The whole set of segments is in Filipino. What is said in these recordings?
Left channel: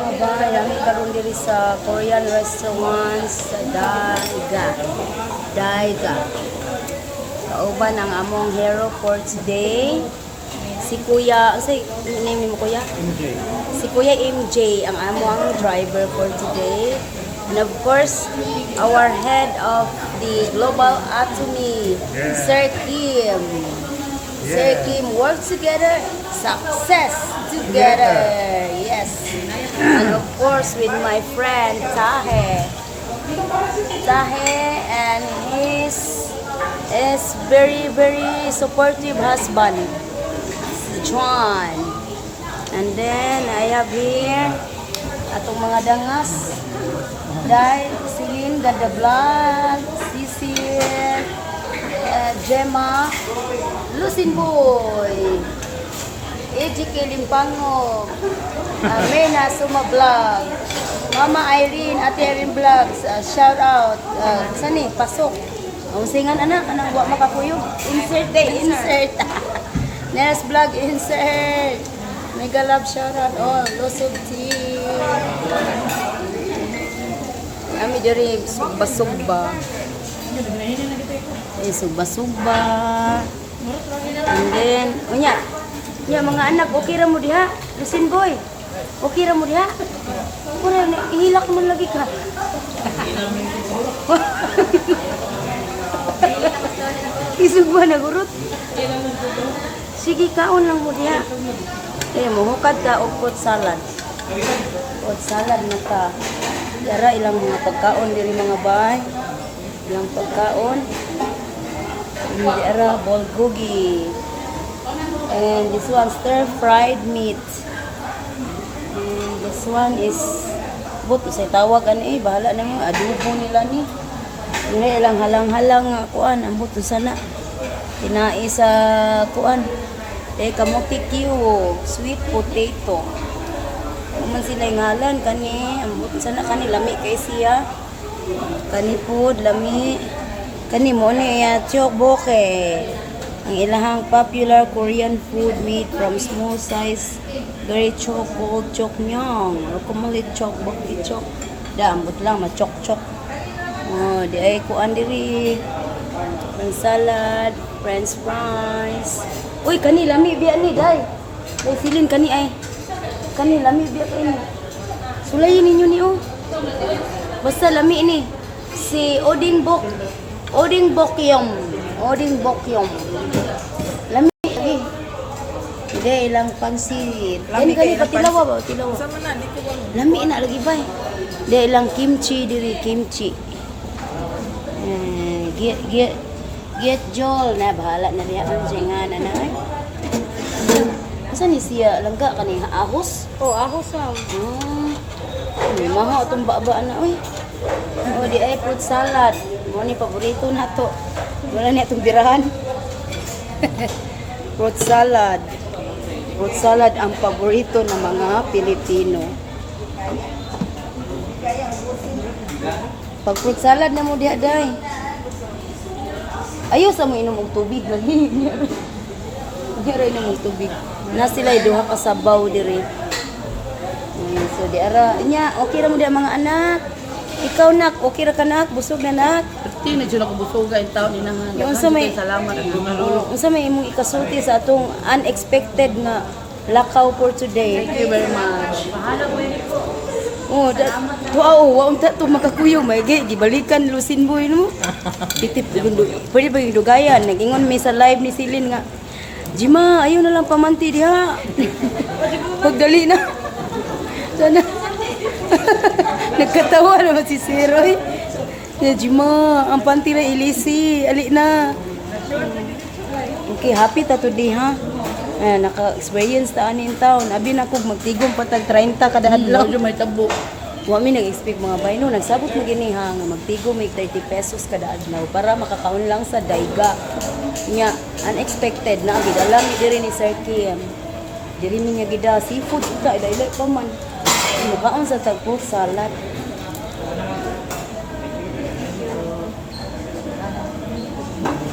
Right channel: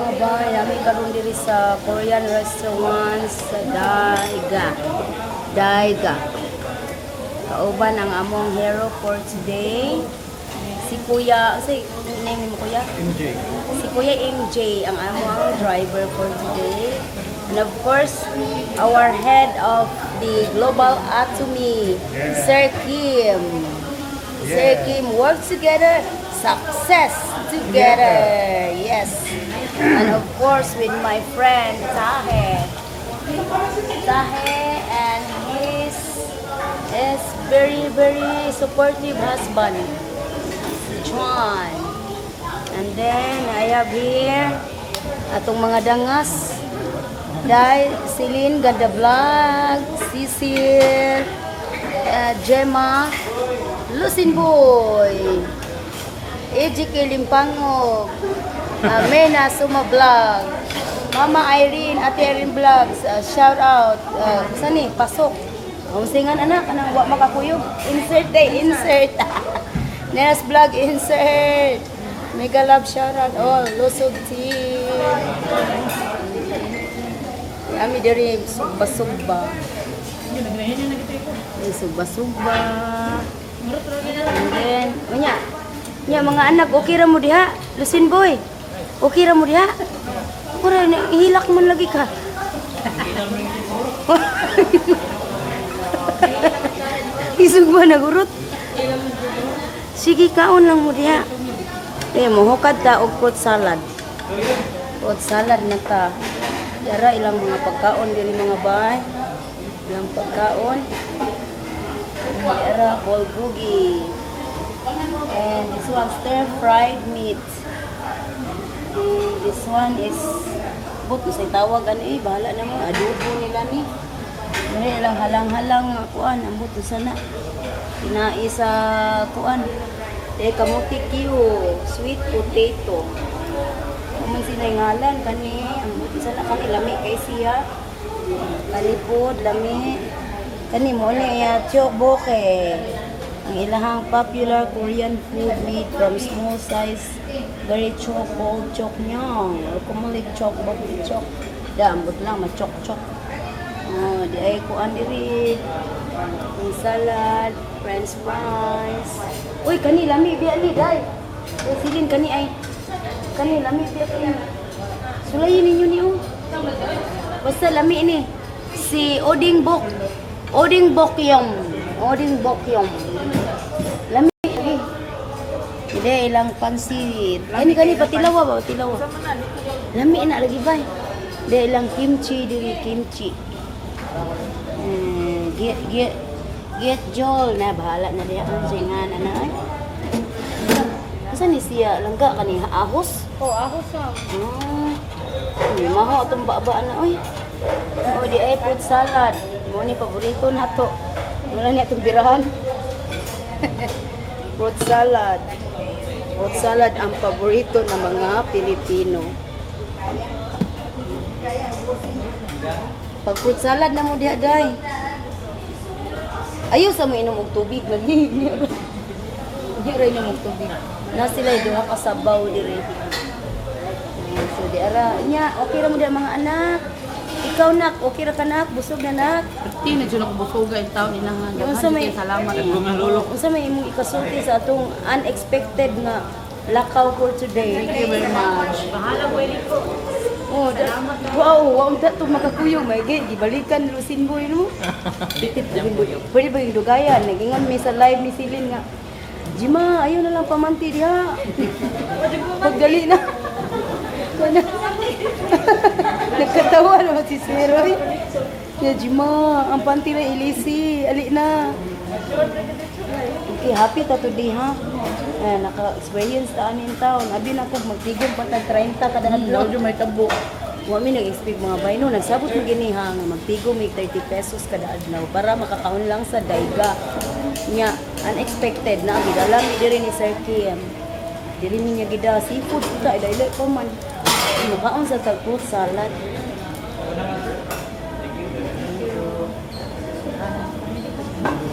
Mga bay, namin karon diri sa Korean restaurant sa Daiga. Daiga. Kauban ang among hero for today. Si Kuya, say name mo Kuya? MJ. Si Kuya MJ ang among driver for today. And of course, our head of the Global Atomy, Yeah. Sir Kim. Sir Yeah. Kim, work together, success together. Yes. And of course, with my friend Tahe. Tahe and his is very supportive husband, John. And then I have here atong mga dangas. Dahil Celine Ganda Vlog, Cecil, Gemma, Lucin Boy, EJK Limpango, Mena Suma Vlog, Mama Irene, Ate Irene Vlogs, shout out, sani, pasok. Ang singan anak, anang wa makakuyog, insert day, insert. Neras Vlog, insert. Mega love shout out, oh, Lucid Team. Kami diri sugba-sugba. Sugba-sugba. And then, unya mga anak, okay ra mo diha? Lucin Boy, okay ra mo diha? Pura, ihilak mo lagi ka. Isugba na gurot. Sige, kaon lang mo diha. Mohukad ta og fruit salad. Fruit salad na ka. Yara ilang mga pagkaon diri mga bay. Ilang pagkaon. Yara bulgogi. And this one stir-fried meat. And this one is but say tawag ani bahala na mga adobo nila ni. Dili ilang halang-halang nga kuan ang buto sana. Tinai sa kuan. Kamuti Q, sweet potato. Ano sila ngalan kani ang buto sana kani lami kay siya. Kani pod lami. Kani mo ni tteokbokki. Ang ilahang popular Korean food made from small size, very chok, bold chok nyong. Kumulit chok, bakti chok. Dambot lang, machok-chok. Oh, di ay kuan diri. Ang salad, french fries. Uy, kani lami biya ni, day. Day, silin kani ay. Kani lami biya ni. Sulayin ninyo ni, oh. Basta lami ni. Si Oding Bokyong. Oding Bokyong. Lami lagi. Hindi ilang pansit. Kani patilawa ba? Patilawa. Lami na lagi ba? Hindi ilang kimchi diri kimchi. Get Joel na bahala na diha ang singan na ay. Asa ni siya langga kani ahos? Oh, ahos sa. Maho tong baba na oy. Oh, di ay fruit salad. Mo ni paborito nato. Wala ni atong birahan. Fruit salad. Fruit salad ang paborito ng mga Pilipino. Pag fruit salad na mo diha day. Ayaw sa mo inom og tubig malig. Diri inom og tubig. Na sila duha ka sabaw diri. So di ara nya okay ra mo diha mga anak. Ikaw nak, okay ra ka nak? Busog na nak? Pati na dyan ako busoga yung taon inahan. Unsa may Salamat nga. unsa may imong ikasulti sa atong unexpected nga lakaw for today? Thank you very much. Oh, wow, ang tato makakuyog may gibalikan Lucin Boy no. Titip Boy. Pwede ba yung dugayan? Nagingon may sa live ni Silin nga. Jima, ayaw na lang pamanti diha. Pagdali na. Sana. Nagkatawa naman si Zero eh. Ya Jima, ang panty na ilisi. Ali na. Okay, happy ta today ha. Naka-experience ta anin taon. Abi na ko magtigom patag 30 kada adlaw. May tabo. Wa mi nag-expect mga bayno. Nagsabot mo gini ha nga magtigom mig 30 pesos kada adlaw para makakaon lang sa Daiga. Nya unexpected na agud alam diri ni Sir Kim. Diri niya gida seafood ka dili pa man. Mukhaon sa tagpo salad.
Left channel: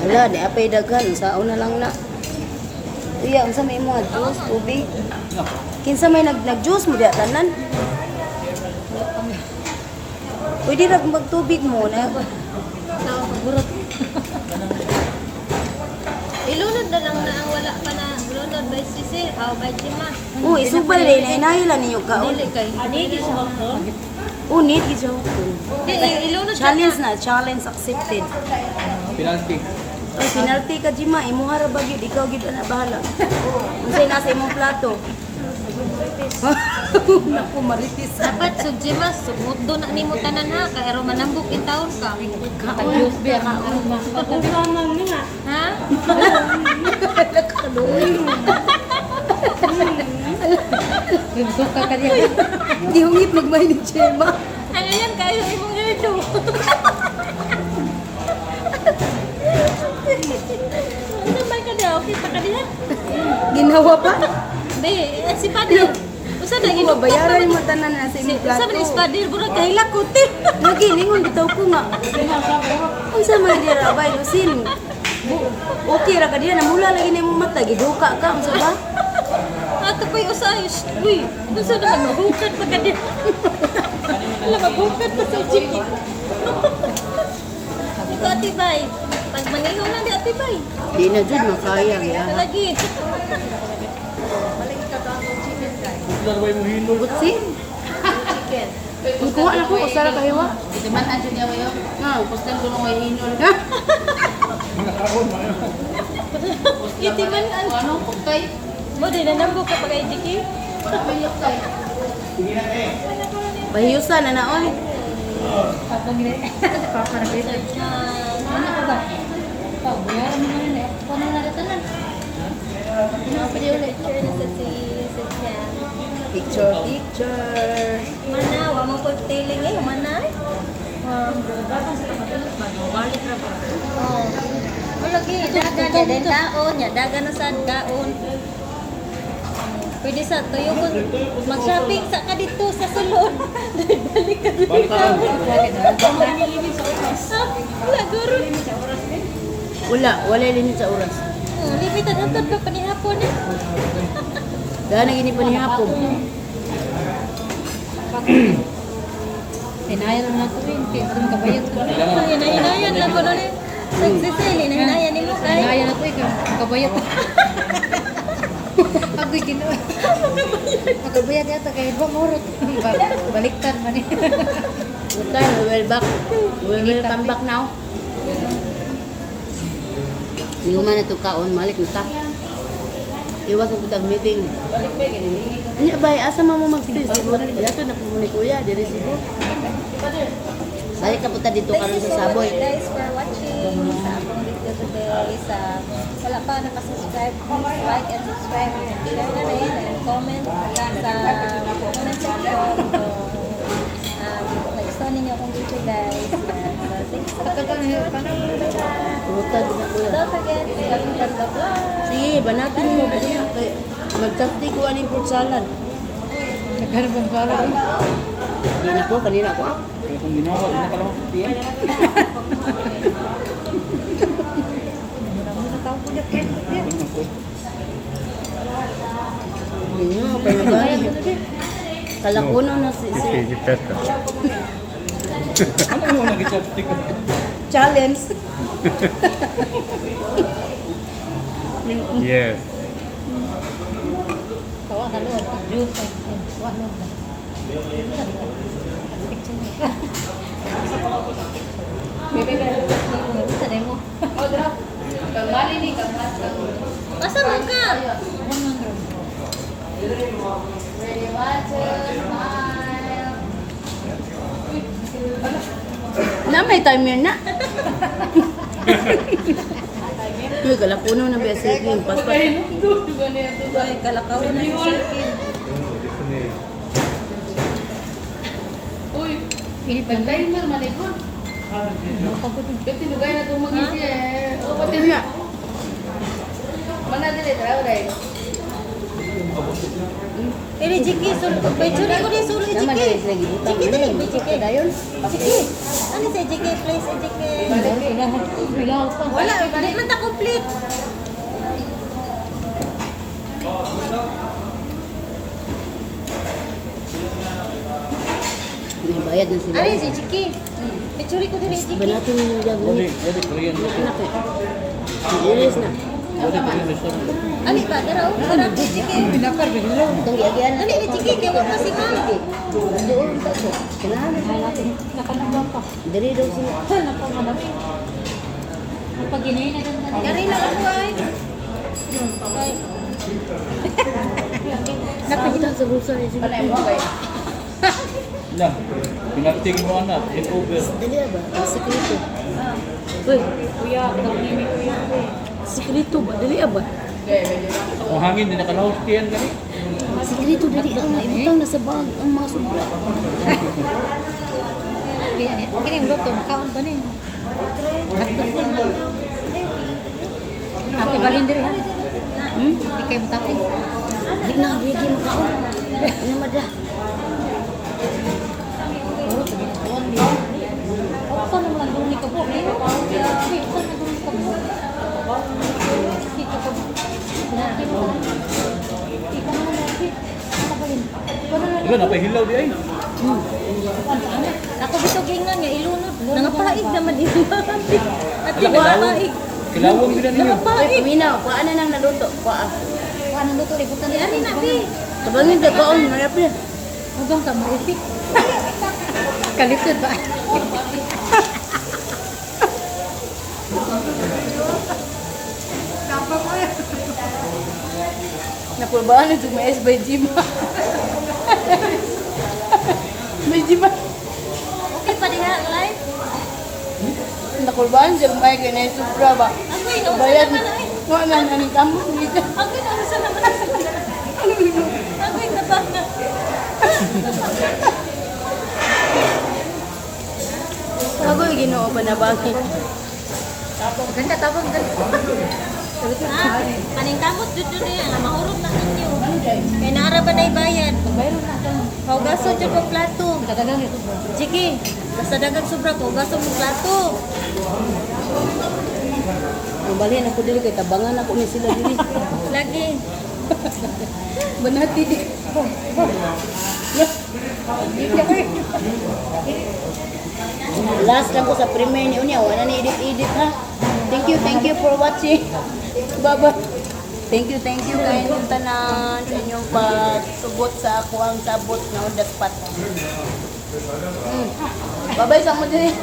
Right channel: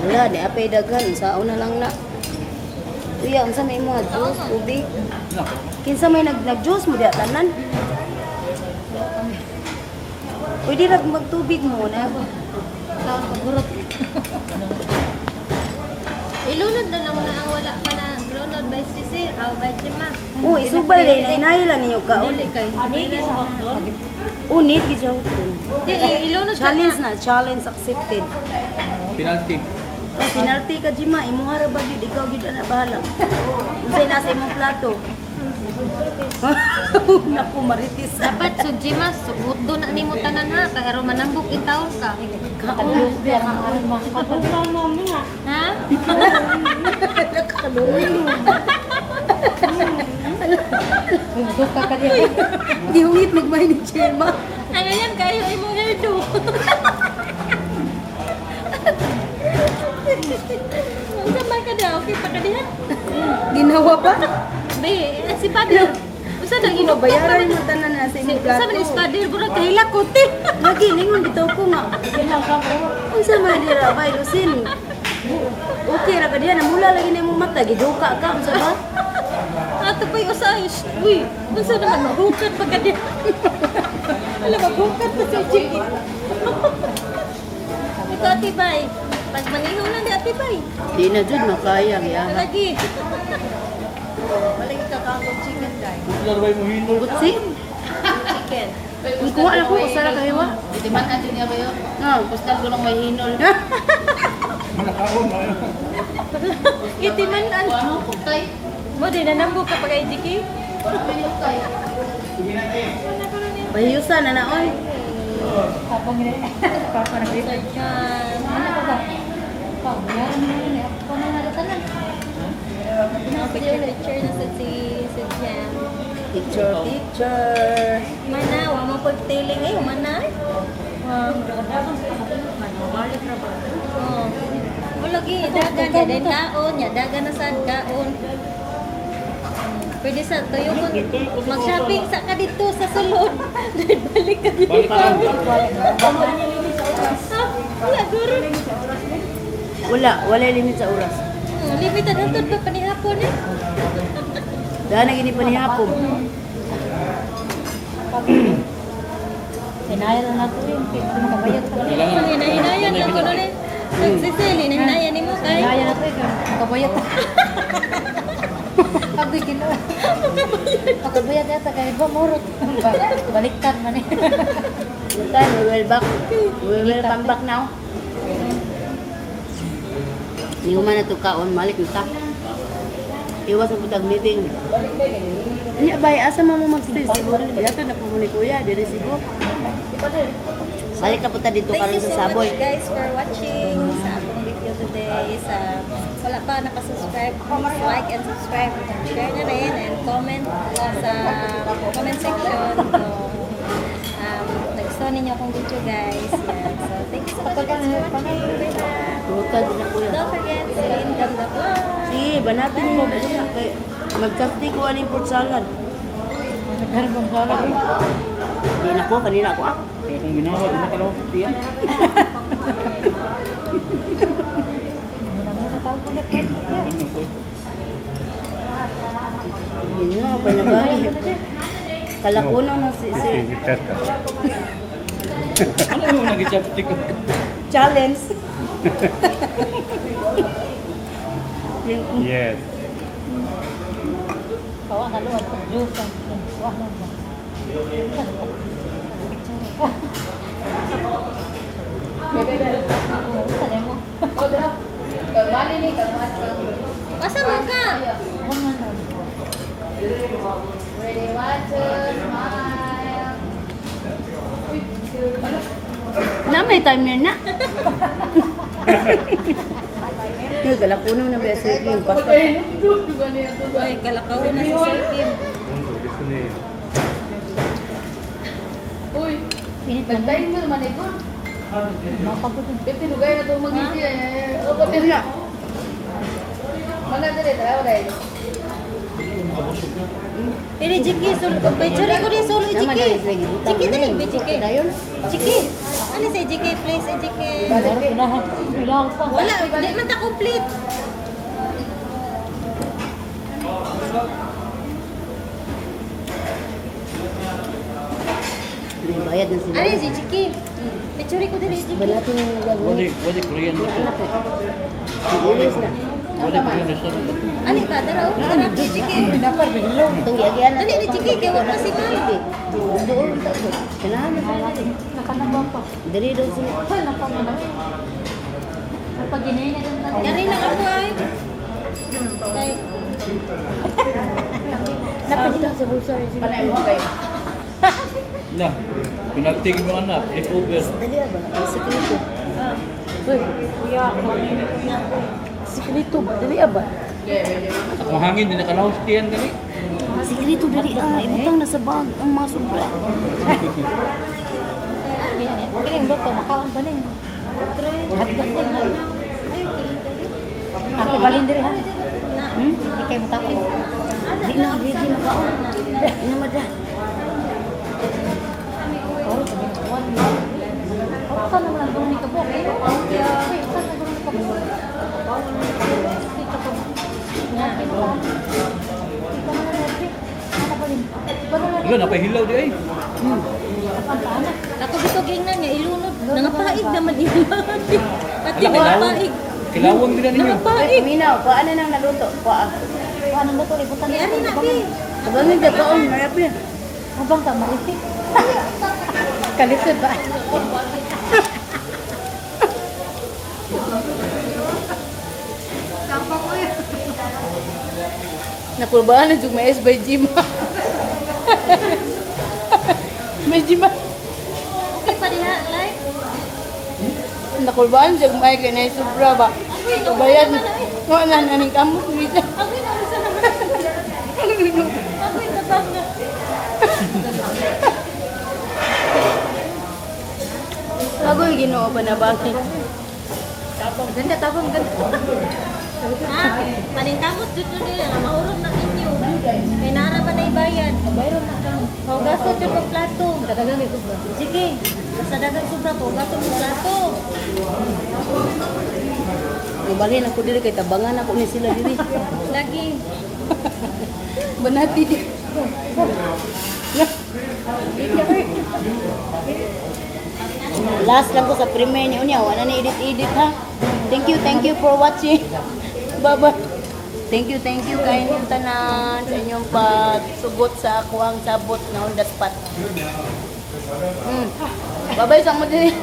Wala, di apay dagan. Sa una lang na. Kuya, unsa may mga juice, tubig? Kinsa may nag-juice mo diha tanan? Pwede na magtubig mo na. Ilunod na lang na ang wala pa na ilunod by sisi, by Jiman. Oh, isubal din. Hinahilan ninyo kaon. Unit, gisaw ko. Ilunod Challenge na. Challenge accepted. Penalty. Ay, penalty ka, Jima. Imuhara ba yun? Ikaw gid na bahala. Unsay nasa imong plato? Naku, maritis. dapat si Jiman, sugod doon na nimo tanan ha, kaya ro manambok in taon ka. Kaon. Kaon. Ha? Nakaluoy. Di hungit nagmay ni Jema. Ano yan kayo ay mong hairdo? Ano ba ka daw? Okay pa ka dihan? Ginawa pa? Be, si Pader. Usa na Hindi mabayaran yung matanan na sa imong plato. Usa man is Pader, burag kahilak ko ti. Nagilingon bitaw ko nga. Unsa man dira bay Lucin? Okay ra ka diha namula lagi na imong mata giduka ka unsa ba? Ato pa'y usay. Uy, gusto naman mahukat pa ka din. Alam, maghukat ko sa jeep. Ito, Ate Bay. Pag manginunan di Ate Bay. Di na jud makaya giya. Lagi. Lalaway mo hilo. Butsi? Kung kuha na ko usara kahiwa. Ito man ang dyan kayo. Nga. Postal ko nung may hinol. Iti man ang... Ano? Pagkay. Mo, di na nambo ka pag IGK. Bahiyusan na naon. Picture na sa si Jen. Picture, picture. Mana, wa mo pagtailing eh. Mana? Balik na ba? Oh. Lagi, dagan ya din daon, ya dagan na sa daon. Pwede sa tuyo kung mag-shopping sa ka dito sa salon. Balik ka dito. Wala, guro. Wala limit sa oras. Limited hapon pa panihapon eh. Dahil na gini pa ni hapon. Hinayan na ito yun. Kumakabayat ko. Hinayan lang ko rin. Nagsisili, hinayan ni mo. Hinayan na ito eh. Kumakabayat. Pag gusto nyo. Pagkabayat yata kahit ba murot. Baliktad man eh. Good time, we will back. We will come back now. Hindi ko man na ito kaon, malik na ta. Iwas ang putag meeting. Iya bay, asa mo mag-stay siguro? Yato na po ni kuya, diri siguro. Balik ka punta dito karon sa Saboy. Thank you so much guys for watching sa atong video today. Wala pa nakasubscribe, please like and subscribe. Share na rin and comment sa comment section. So, nagustuhan ninyo akong video guys. Yan. So, thank you so much guys for watching. Puta din na kuya. Don't forget to in the vlog. Sige, banatin mo. Magkasti ko aning fruit salad. Nagkaroon bang salad? Hindi na ko, kanina ko. Kung ginawa, ina ka lang. Muna-muna tao po na cake. Hindi na, pa na ba? Kalakuno na si... Ano mo nag-chapstick ko? Challenge. Yes. Kawa ka luwan. Juice. Wah lang ba? Tadi mo. Asa mo ka? Na may timer na. Uy, kalakuno na ba sa ikin? Paspas. Ay, kalakaw na yung sirkin. Uy, Init na ba? timer man ikon. Makabutin. Ito lugay na itong mag-isi eh. O, pati niya. Mana dili, trabaho dahil. Ini jiki sul, picture ko rin sul Nama jiki. dari lagi utang Jiki ni. tadi jiki. Dayon. Jiki. Ano si jiki please jiki. Wala, di man ta complete. May bayad na sila. Ano si Chiki? Picture ko din si Chiki. Banatin mo yung Wadi, gagawin. wadi Korean Yung dito. anak ko. Ilis na. Wadi Korean restaurant. Ano ba? Tara, tara si Chiki. Itong iagian na. Dali ni Chiki, kaya wala si Ma'am. Doon ta ko. Kailangan na natin. Nakanaba pa. Dali daw sila. Napamanami. Napaginay na doon. Dali lang ako ay. Ay, Nakita sa bulsa niya sila. Lah, connecting mo anak, take over. Dali ba? Ang sikreto. Uy, Kuya, kami ni Kuya. sikreto ba? Dali ba? Ang hangin, hindi nakalaos tiyan kami. Sikreto dali ibutang na sa bag ang mga sobra. Okay, yung loto, makaon ba na yun? Hotdog din, ha? Ate, balin din, ha? Hmm? Hindi kayo matapin. Di na, di makaon. Inamada. Puro, sabi ko, kawan niya. O, saan naman ang duni ka po? Eh, wait, saan ang duni ka po? Dito ko. Natin ka. Dito mo na, Nervy. Ano ba rin? Wala na Diba, napahilaw di ay. ang paano? ako gusto gingnan niya, ilunod. Nangapaig naman din. At Ala, kilawang. nangapaig. Kilawang sila niyo. Nangapaig. Minaw, paano nang naluto? Paa. Paano ba ito? Ibutan Di, ano na, Pi? Tabangin ka kaon, mayap na. Mabang ka, marisik. Kalisod ba? Naprobahan na yung mais by Jima. May Jima. Okay pa din ha, live? Nakulbaan siya may kaya supra ba? Ako yun, Bayad. naman na eh. No, naning kamok dito. Ako yun, ano saan naman ako? Ako yun, nabanga. Ako yung ginoo pa na bakit? Ganda, tabang, ganda. Ah, paningkamot dito niya, mahurot na ninyo. Kaya naara ba na ibayad? Maugaso dyan ng plato. Kadagang ito ba? Sige, sa dagang sobra ko, ugaso ng plato. Balhin ako dili kay tabangan ako ni sila dili. Lagi. Banati di. Last lang ko sa premiere niyo niya, wala na edit ha. Thank you for watching. Bye. Thank you kayo yung tanan sa inyong pagsugot sa ako ang sabot na on the spot. Bye sa mo din.